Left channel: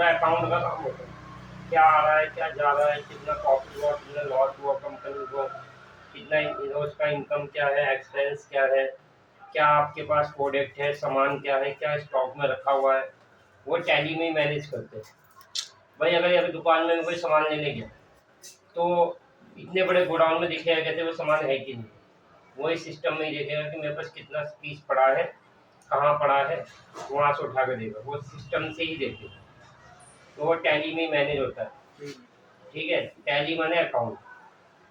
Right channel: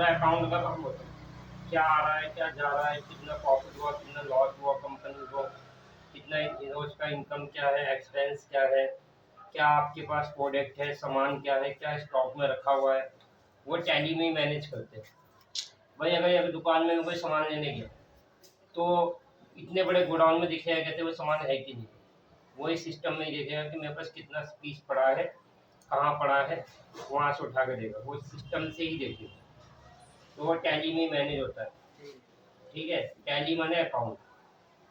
पूरा अकाउंट का काम होता है, क्या आ रहा है, क्या जा रहा है, कितना प्रॉफिट हुआ, कितना लॉस हुआ कंपनी को, कितना रोज का इनकम क्या है, एक्सपेंस क्या है, क्या आपके पास प्रोडक्ट है, सामान क्या है, क्या स्टॉक में रखा हुआ है, वो टैली में ही मैनेज करते हैं। भाई अगर यहाँ पे दुकान में कोई सामान लेने गया तो इतने बड़े गोडाउन में दिखेगा कैसे वो सामान है कि नहीं, वो इस सिस्टम में ही देखेगा कि मेरे पास कितना पीस पड़ा है, कहाँ पड़ा है, वहाँ से उठा के देगा, वो सिस्टम से ही देखेगा। तो वो टैली में ही मैनेज होता है। ठीक है, टैली माने अकाउंट।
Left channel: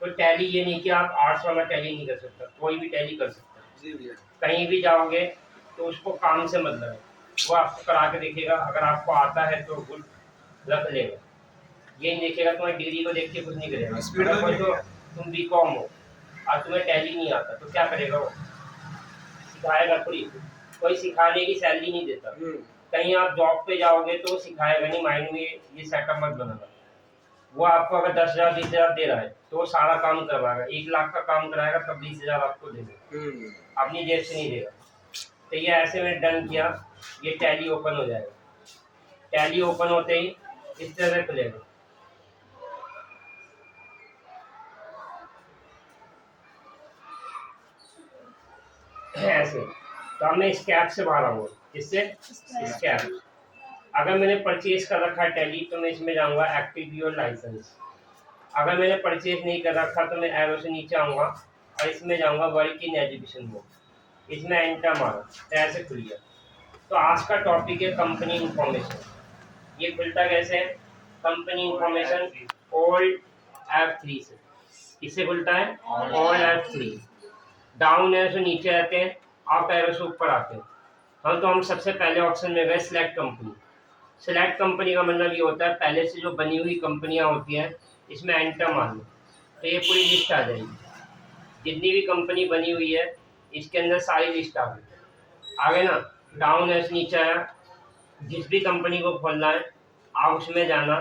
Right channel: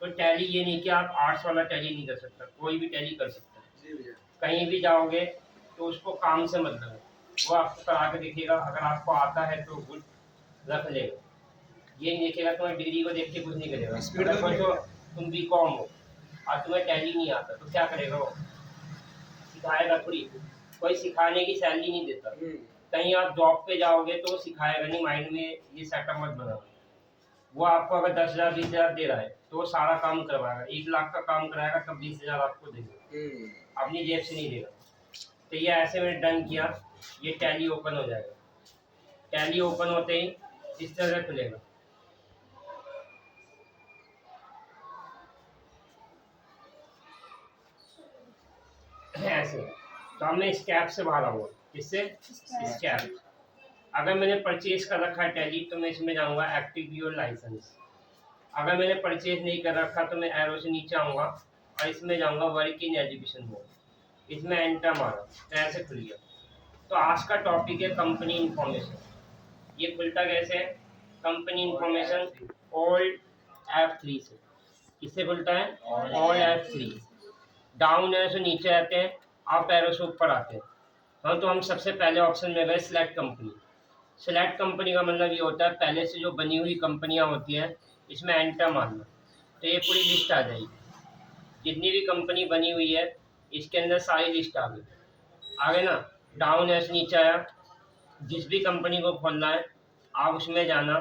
तो टैली ये नहीं कि आप आर्ट्स वाला टैली नहीं कर सकता, कोई भी टैली कर सकता है। जी भैया। कहीं भी जाओगे तो उसको काम से मतलब है, वो आपको करा के देखेगा, अगर आपको आता है तो गुड रख लेगा, ये नहीं देखेगा, तुम्हारी डिग्री को देख के कुछ नहीं करेगा। स्पीड अगर तो कोई नहीं तो भैया। तुम बीकॉम हो और तुम्हें टैली नहीं आता तो क्या करेगा वो, सिखाएगा थोड़ी, कोई सिखाने की सैलरी नहीं देता। कहीं आप जॉब पे जाओगे तो वो सिखाएगा नहीं, माइंड में ये सेटअप मत बनाना। वो आपको अगर 10,000 20,000 दे रहा है तो वो सारा काम करवाएगा, 1 लाख का काम कराएगा तब 20,000 आपको देगा, अपनी जेब से नहीं देगा। तो ये ऐसे में डन किया, ये टैली ओपन हो जाएगा। टैली ओपन होते ही इस तरह से खुलेगा, ऐसे। तो अब मैं इस कैप से बाहर आऊंगा, किससे, इस कैप। अगर मैंने परचेज कर रखा है टैली तो मैं इसमें जाऊंगा एक्टिव योर लाइसेंस। अगर मैंने परचेज नहीं कर रखा तो मैं एरो से नीचे आऊंगा और इसमें जाऊंगा वर्क इन एजुकेशन मोड, इसमें एंटर मारा तो ऐसे खुल गया। तो आज का टॉपिक है कंपनी इंफॉर्मेशन। ये खुलता कैसे है, कंपनी इंफॉर्मेशन ओल्ड F3 से। किससे खुलता है, ओल्ड F3। डाउन एरो से नीचे आते हैं, अप एरो से ऊपर आते हैं। हम सबसे पहले ऑप्शन में गए सिलेक्ट कंपनी। सिलेक्ट कंपनी का मतलब ये होता है पहले से जो बनी हुई कंपनियां होती हैं इसमें एंटर मारना, तो ये पूरी लिस्ट आ जाएगी, जितनी भी कंपनी बनी हुई है इसके अंदर सारी लिस्ट आ गई। आगे ना डाउन ऐसे नीचे आया, जिस भी कंपनी को खोलना है आप उसमें जाना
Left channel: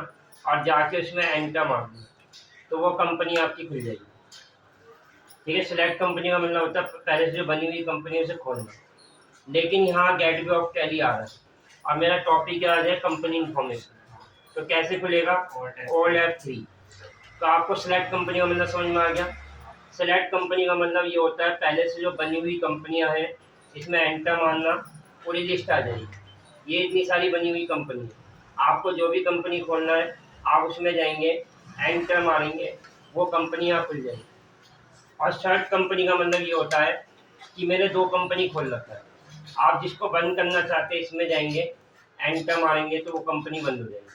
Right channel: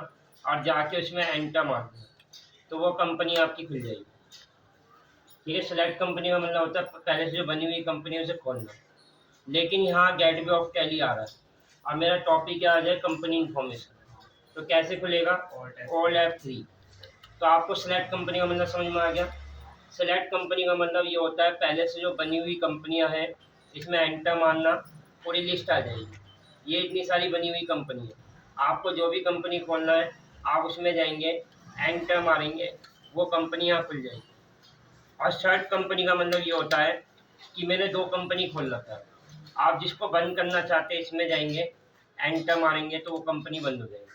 और जाके उसमें एंटर मारना, तो वो कंपनी आपकी खुल जाएगी। ठीक है, सिलेक्ट कंपनी का मतलब होता है पहले से जो बनी हुई कंपनी है उसे खोलना। लेकिन यहाँ गेटवे ऑफ टैली आ रहा है और मेरा टॉपिक क्या आ जाए, कंपनी इंफॉर्मेशन। तो कैसे खुलेगा, ओल्ड F3। तो आपको सिलेक्ट कंपनी का मतलब समझ में आ गया। सेलेक्ट कंपनी का मतलब ये होता है पहले से जो बनी हुई कंपनियां हैं इसमें एंटर मारना, पूरी लिस्ट आ जाएगी, ये इतनी सारी बनी हुई कंपनी है। आपको जो भी कंपनी खोलना है आप उसमें जाएंगे, एंटर मारेंगे, वो कंपनियां खुल जाएंगी। और शर्ट कंपनी का मतलब ये होता है कि मैंने 2 कंपनी खोल रखा है, आप जिसको बंद करना चाहते हैं इसमें जाएंगे, एंटर मारेंगे तो वो कंपनी बंद हो जाएगी।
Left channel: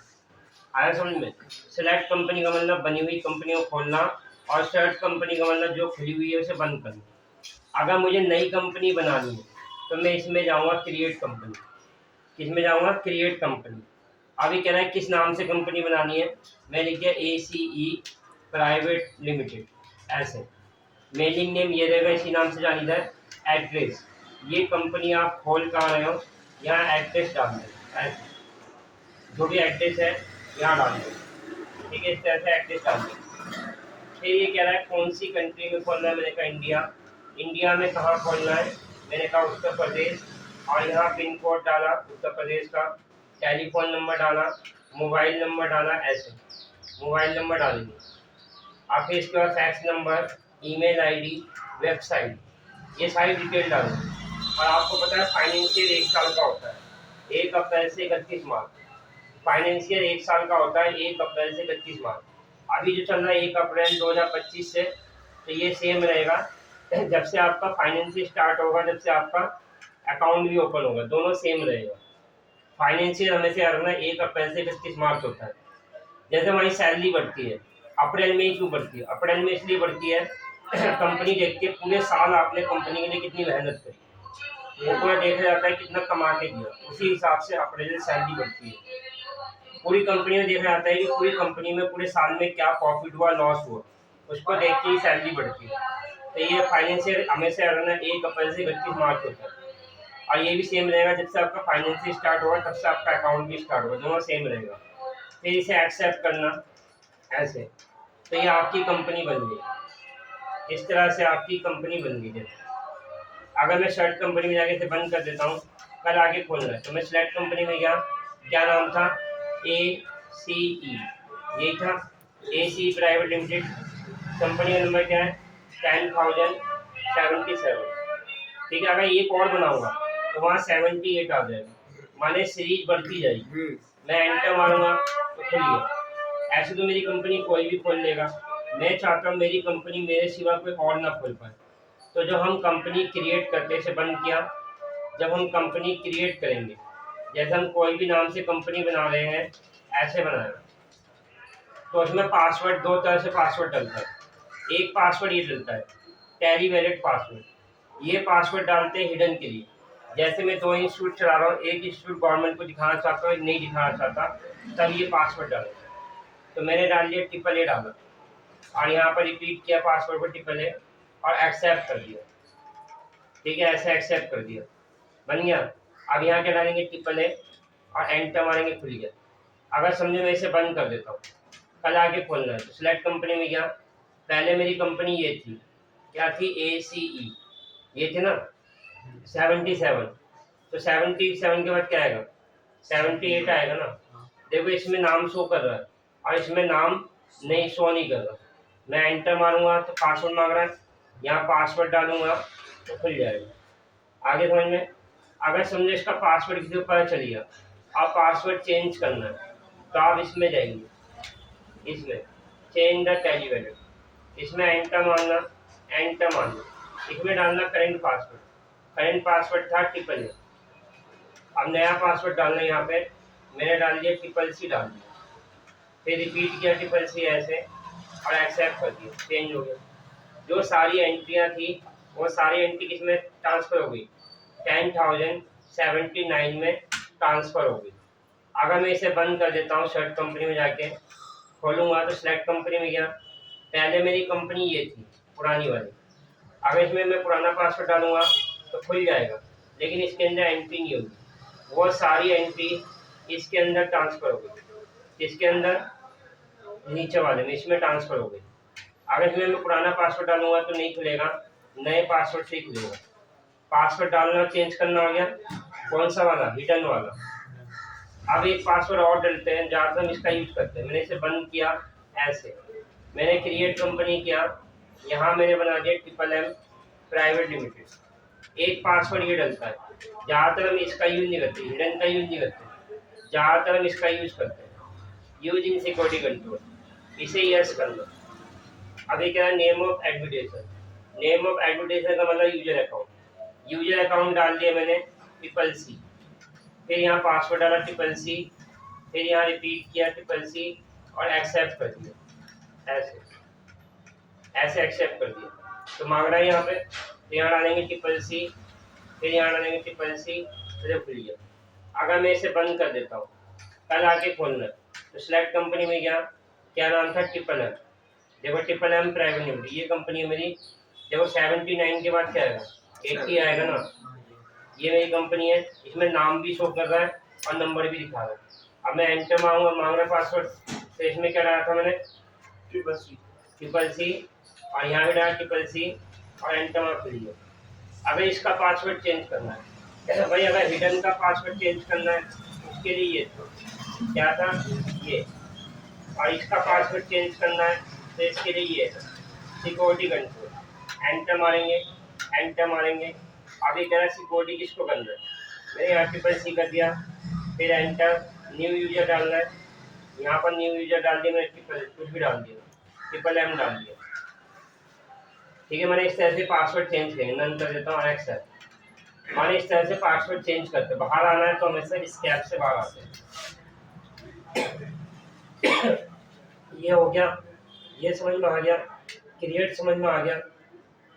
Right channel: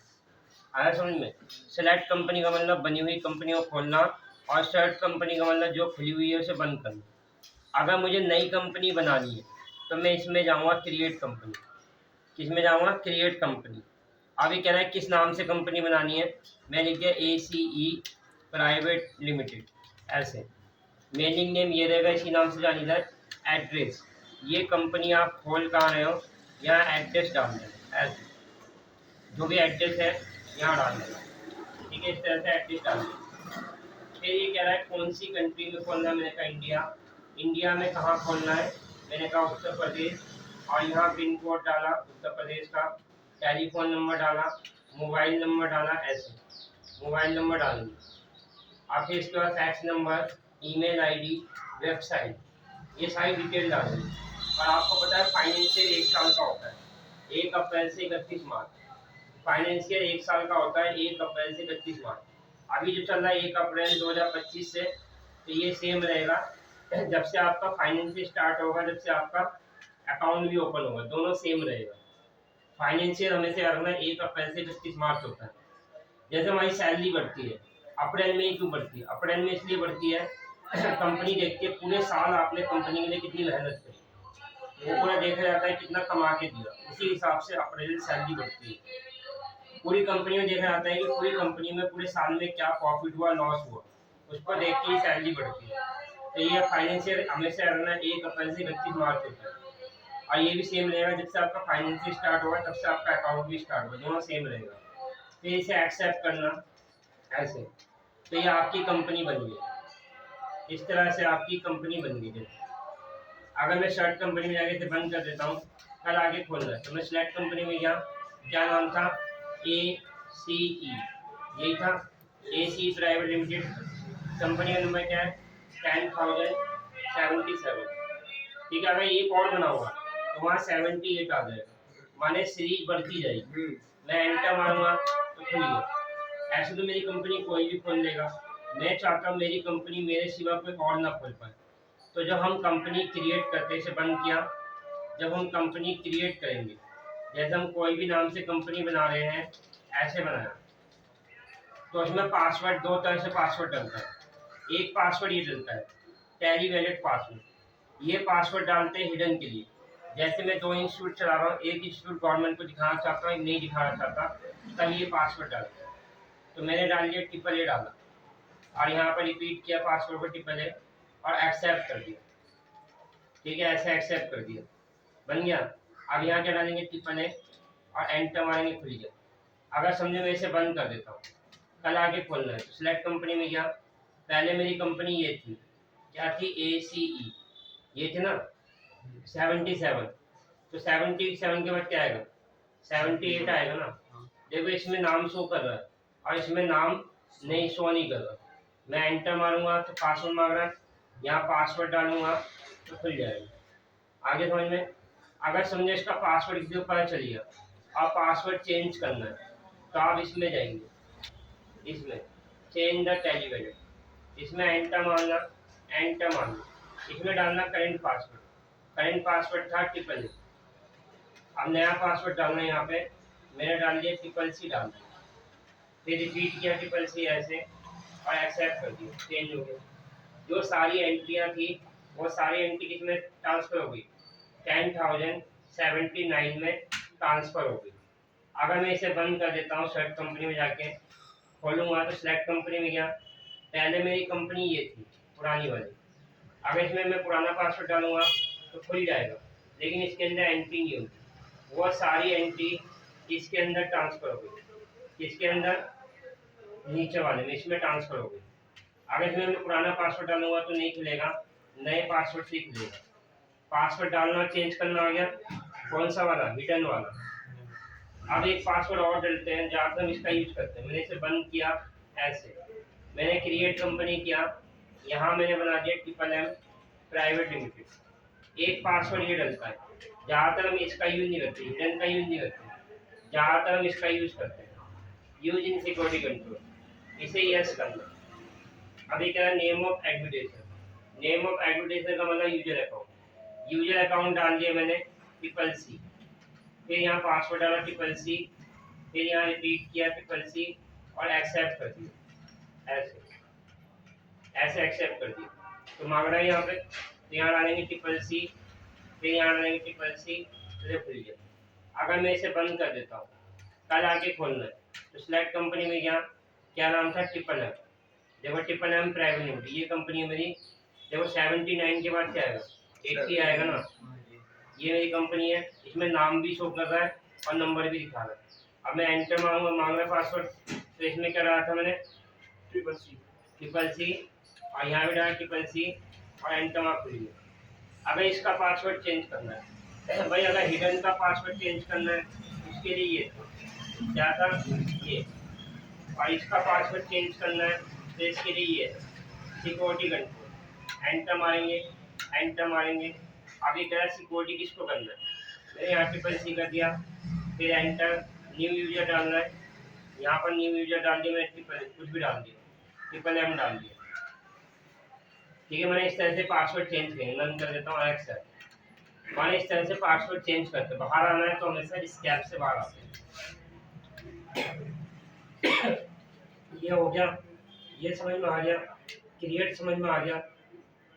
आया समझ में। सेलेक्ट कंपनी का मतलब बनी हुई कंपनी को खोलना और शर्ट कंपनी का मतलब जो खुली हुई है उसे बंद करना। अगर मुझे नई कंपनी बनानी है तो मैं इसमें जाऊंगा क्रिएट कंपनी। किस में जाऊंगा, क्रिएट कंपनी। अभी कह रहा है किस नाम से कंपनी बनानी है, मैं लिख दिया ACE प्राइवेट लिमिटेड, ऐसे। मेलिंग नेम ये रहेगा, इसी नाम से जानी जाए। एड्रेस, ये कंपनी आप खोल कहाँ रहे हो, यहाँ एड्रेस डाल दें, ऐसे जो भी एड्रेस है यहाँ डाल दें। ठीक है, इस तरह से एड्रेस डाल दें। फिर ये कह रहा है कौन सी कंट्री में खोलना है, मैंने कहा इंडिया। इंडिया में कहाँ खोलना है, मैंने कहा उत्तर प्रदेश, और यहाँ पिन कोड डाला उत्तर प्रदेश का, टेलीफोन नंबर डाला, मोबाइल नंबर डाला, ऐसे मोबाइल नंबर डालेंगे। आप फिर इसके बाद fax number, email ID, website, ये सारी डिटेल डालेंगे। और आपको पता है फाइनेंशियल 1 साल का होता है, 1 अप्रैल से 31 मार्च। फाइनेंशियल 1 साल का होता है, 1 अप्रैल से 31 मार्च। अभी जो चल रहा है 1 अप्रैल 2025 से, तो ये सेम रहेगा जब से आपका फाइनेंशियल स्टार्ट होगा, जब से आपका अकाउंट भी ओपन होगा, दोनों सेम रहेगा। फाइनेंशियल हमेशा रखना 1 अप्रैल से 31 मार्च होता है। जैसे हमारी सैलरी बढ़ती है अप्रैल में ही, क्यों बढ़ती है, अप्रैल में इसलिए बढ़ती है कंपनी देखती है पूरे साल आपने कंपनी के लिए कितनी मेहनत करी, वो पूरा देखा जाता है कितना कमा के दिया, उसी हिसाब से अप्रैल में सैलरी बढ़ती है। पूरी कंपनी में देखा जाता है कि पूरी कंपनी में पूरे साल में क्या प्रॉफिट हुआ, लॉस हुआ, उसको देख के ही सैलरी बढ़ती है। तो ये फाइनेंशियल हमेशा रहना 1 अप्रैल से 31 मार्च होता है। और ये भी सेम रहेगा, जब से आपका फाइनेंशियल स्टार्ट होगा तब से आपका अकाउंट भी स्टार्ट होगा, दोनों सेम रहेगा। फिर इसे एक्सेप्ट करना, ऐसे। तो ये आपकी कंपनी बन गई, इस तरह से आपकी कंपनी बन गई। जैसे अगर मैं शर्ट कंपनी में जाके इसे बंद कर देता हूँ, कल आगे खोलना है तो मैं सिलेक्ट कंपनी में गया, क्या नाम था, ACE, यही था ACE प्राइवेट लिमिटेड। कंपनी का नंबर क्या है 10,077। ठीक है, अगर एक और बनाऊंगा तो वहाँ 78 आ जाएगा, माने सीरीज बढ़ती जाएगी। मैं एंटर मारूंगा तो खुल गया। ऐसे तो मेरी कंपनी कोई भी खोल लेगा, मैं चाहता हूँ मेरी कंपनी मेरे सिवा कोई और ना खोल पाए। तो जब हम कंपनी क्रिएट करते से बंद किया, जब हम कंपनी क्रिएट करेंगे, जैसे हम कोई भी नाम से कंपनी बना रहे हैं, ऐसे बनाया तो उसमें पासवर्ड दो तरह से पासवर्ड डलता है। एक पासवर्ड ये डलता है टैली वैलिड पासवर्ड, ये पासवर्ड डालते हैं हिडन के लिए। जैसे मैं 2 इंस्टीट्यूट चला रहा हूँ, एक इंस्टीट्यूट गवर्नमेंट को दिखाना चाहता हूँ, एक नहीं दिखाना चाहता, तब ये पासवर्ड डालूंगा। तो मैंने डाल दिया AAA डाला और यहाँ पर रिपीट किया पासवर्ड को AAA और एक्सेप्ट कर दिया। ठीक है, ऐसे एक्सेप्ट कर दिया, बन गया। अब यहाँ क्या डालेंगे AAA और एंटर मारेंगे, खुल गया। अगर समझो मैं इसे बंद कर देता हूँ, कल आके खोलना है, तो सिलेक्ट कंपनी में गया। पहले मेरी कंपनी ये थी, क्या थी ACE, ये थी ना 77, तो 77 के बाद क्या आएगा 78 आएगा ना। देखो इसमें नाम शो कर रहा है और इसमें नाम नहीं शो नहीं कर रहा। मैं एंटर मारूंगा तो पासवर्ड मांग रहा है, यहाँ पासवर्ड डालूंगा तो खुल जाएगा। आगे समझ में। अगर समझो इसका पासवर्ड किसी को पता चल गया, आप पासवर्ड चेंज करना है तो आप इसमें जाएंगे, इसमें चेंज द टैली वैल्यू, इसमें एंटर मारना, एंटर मारना, इसमें डालना करंट पासवर्ड। करंट पासवर्ड था AAA। अब नया पासवर्ड डालना है, यहाँ पे मैंने डाल दिया CCC डाल दिया, फिर रिपीट किया CCC ऐसे और एक्सेप्ट कर दिया, चेंज हो गया। जो सारी एंट्रियाँ थी वो सारी एंट्री किसमें ट्रांसफ़र हो गई 10,079 में ट्रांसफ़र हो गई। अगर मैं इसे बंद कर देता हूँ, सेलेक्ट कंपनी में जाके खोलूँगा तो सिलेक्ट कंपनी में गया, पहले मेरी कंपनी ये थी पुरानी वाली। अगर इसमें मैं पुराना पासवर्ड डालूँगा तो खुल जाएगा, लेकिन इसके अंदर एंट्री नहीं होगी, वो सारी एंट्री इसके अंदर ट्रांसफ़र हो गई, इसके अंदर नीचे वाले में इसमें ट्रांसफ़र हो गई। अगर इसमें मैं पुराना पासवर्ड डालूंगा तो नहीं खुलेगा, नए पासवर्ड से ही खुलेगा। पासवर्ड डालना चेंज करना आ गया, कौन सा वाला हिडन वाला। अब एक पासवर्ड और डलते हैं, ज़्यादातर हम इसका यूज करते हैं। मैंने इसे बंद किया ऐसे, मैंने क्रिएट कंपनी किया, यहाँ मैंने बना दिया MMM प्राइवेट लिमिटेड। एक पासवर्ड ये डलता है, ज़्यादातर हम इसका यूज नहीं करते, हिडन का यूज नहीं करते, ज़्यादातर हम इसका यूज करते हैं, यूजिंग सिक्योरिटी कंट्रोल, इसे यस करना। अभी क्या है name of advertiser, name of advertiser का मतलब यूजर अकाउंट, यूजर अकाउंट डाल दिया मैंने CCC, फिर यहाँ पासवर्ड डाला CCC, फिर यहाँ रिपीट किया CCC और एक्सेप्ट कर दिया, ऐसे ऐसे एक्सेप्ट कर दिया। तो मांग रहा है यहाँ पे, तो यहाँ डालेंगे CCC, फिर यहाँ डालेंगे CCC, फिर खुल गया। अगर मैं इसे बंद कर देता हूँ, कल आके खोलना है, तो सिलेक्ट कंपनी में गया, क्या नाम था MMM, देखो MMM प्राइवेट लिमिटेड, ये कंपनी है मेरी। देखो 79 के बाद क्या आएगा 80 आएगा ना, ये मेरी कंपनी है, इसमें नाम भी शो कर रहा है और नंबर भी दिखा रहा है। अब मैं एंटर मांगूंगा, मांग रहा पासवर्ड, तो इसमें क्या डाला था मैंने CCC और यहाँ भी डाला CCC और एंटर मार्क खुल गया। अगर इसका पासवर्ड चेंज करना है भाई, अगर हिडन का पासवर्ड चेंज करना है उसके लिए ये था, क्या था ये, और इसका पासवर्ड चेंज करना है तो इसके लिए ये सिक्योरिटी कंट्रोल, एंटर मारेंगे, एंटर मारेंगे। आगे कह रहा है सिक्योरिटी किसको करना है, मैंने यहाँ CCC कर दिया, फिर एंटर, न्यू यूजर डालना है, यहाँ पर न्यू यूजर डाल दिया, मैंने कुछ भी डाल दिया, MMM डाल दिया। ठीक है, मैंने इस तरह से पासवर्ड चेंज करेंगे, नन कर देता हूँ एक्सेप्ट। मैंने इस तरह से पासवर्ड चेंज करते, बाहर आना है तो हमेशा इस कैप से बाहर आते हैं। ये हो गया, ये समझ में आ गया, क्रिएट समझ में आ गया।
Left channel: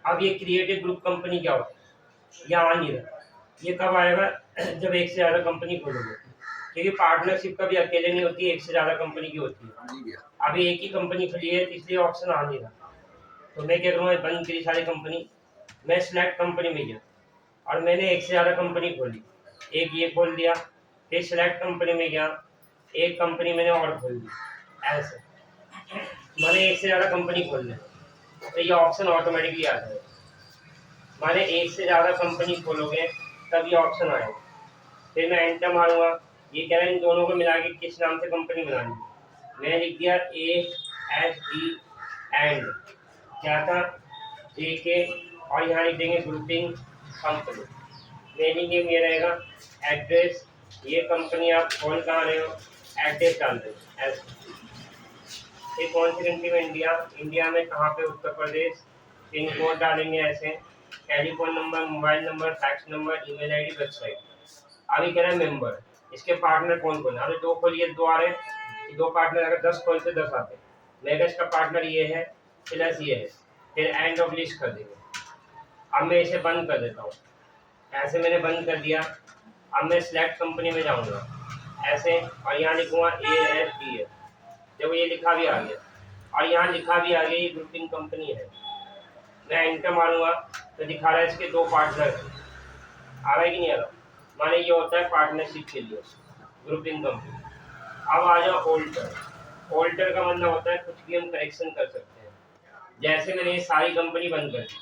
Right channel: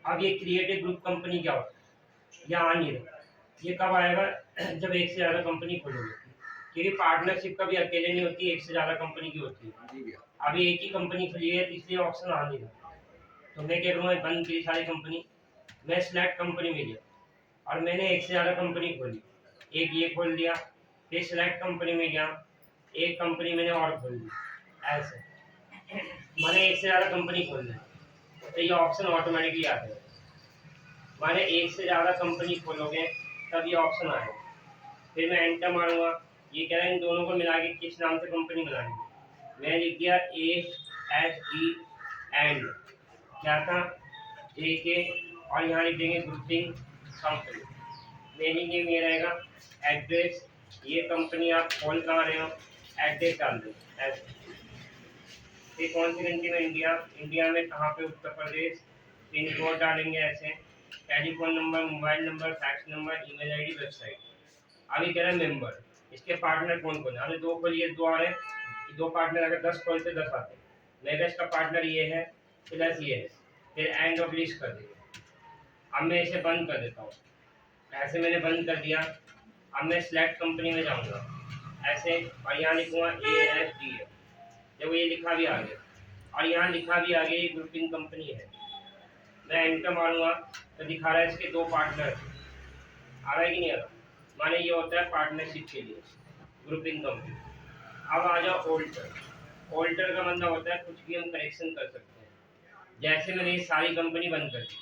अब ये क्रिएट ए ग्रुप कंपनी क्या होता है, ये आ नहीं रहा, ये कब आएगा जब एक से ज़्यादा कंपनी खोलोगे, क्योंकि पार्टनरशिप कभी अकेले नहीं होती, एक से ज़्यादा कंपनी की होती है। अभी एक ही कंपनी खुली है इसलिए ऑप्शन आ नहीं रहा, तो मैं क्या करूँगा, बंद करी सारी कंपनी, मैं सिलेक्ट कंपनी में गया और मैंने एक से ज़्यादा कंपनी खोली, एक ये खोल दिया, फिर सिलेक्ट कंपनी में गया, एक कंपनी मैंने और खोल दी, ऐसे मैंने एक से ज़्यादा कंपनी खोल ली, तो ये ऑप्शन ऑटोमेटिकली आ जाएगा। मैंने एक से ज़्यादा कंपनी खोलोगे तब ये ऑप्शन आएगा, फिर मैं एंटर मारूंगा ये कह रहा है इन दोनों को मिला के किस नाम से कंपनी बनानी। मैंने लिख दिया ASD एंड क्या था JK, और यहाँ लिख देंगे ग्रुपिंग कंपनी। मेलिंग नेम ये रहेगा, एड्रेस, ये कंपनी आप खोल कहाँ रहे हो, एड्रेस डाल दें। ये कौन सी कंट्री में, इंडिया, इंडिया में कहाँ पे, उत्तर प्रदेश, पिन कोड डालेंगे ऐसे, telephone number, mobile number, fax number, email ID, website. अभी कह रहा है मेंबर, इसके पार्टनर कौन कौन है, अभी 2 खोलिए 2 आ रहे हैं, 2 पार्टनर अगर 10 खोलते 10 आते। मेगा का पार्टनर ये है प्लस ये है, फिर एंड ऑफ लिस्ट कर देंगे। अब मैं इसे बंद कर देता हूँ, ऐसे मैंने बंद कर दिया। अब मैं सिलेक्ट कंपनी में जाऊँगा ऐसे, और यहाँ लिखूँगा ASDF, जब ये लिखा भी आ गया, और यहाँ लिखा भी आ गया ये ग्रुपिंग कंपनी है। मैं एंटर मारूंगा तो दिखा रहा है इसके 2 पार्टनर हैं, आ रहा है कि नहीं आ रहा। माने ये होता है पार्टनरशिप के लिए ग्रुपिंग कंपनी। अब आ जाओ ऑल्टर। ऑल्टर का मतलब होता है कुछ भी हम करेक्शन कर सकते हैं। जैसे मैंने ये सारी कंपनी बंद कर दी,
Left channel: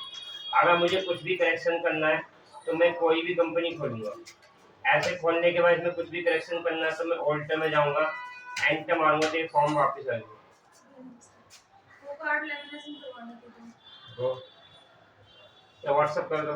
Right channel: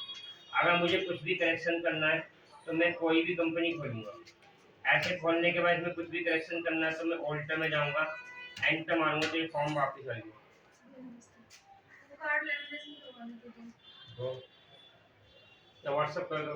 अगर मुझे कुछ भी करेक्शन करना है तो मैं कोई भी कंपनी खोलूँगा, ऐसे खोलने के बाद इसमें कुछ भी करेक्शन करना है तो मैं ऑल्टर में जाऊँगा, एंटर मारूंगा तो ये फॉर्म वापस आ गया। वो कार्ड लेमिनेशन करवाना था तो व्हाट्सअप कर दो।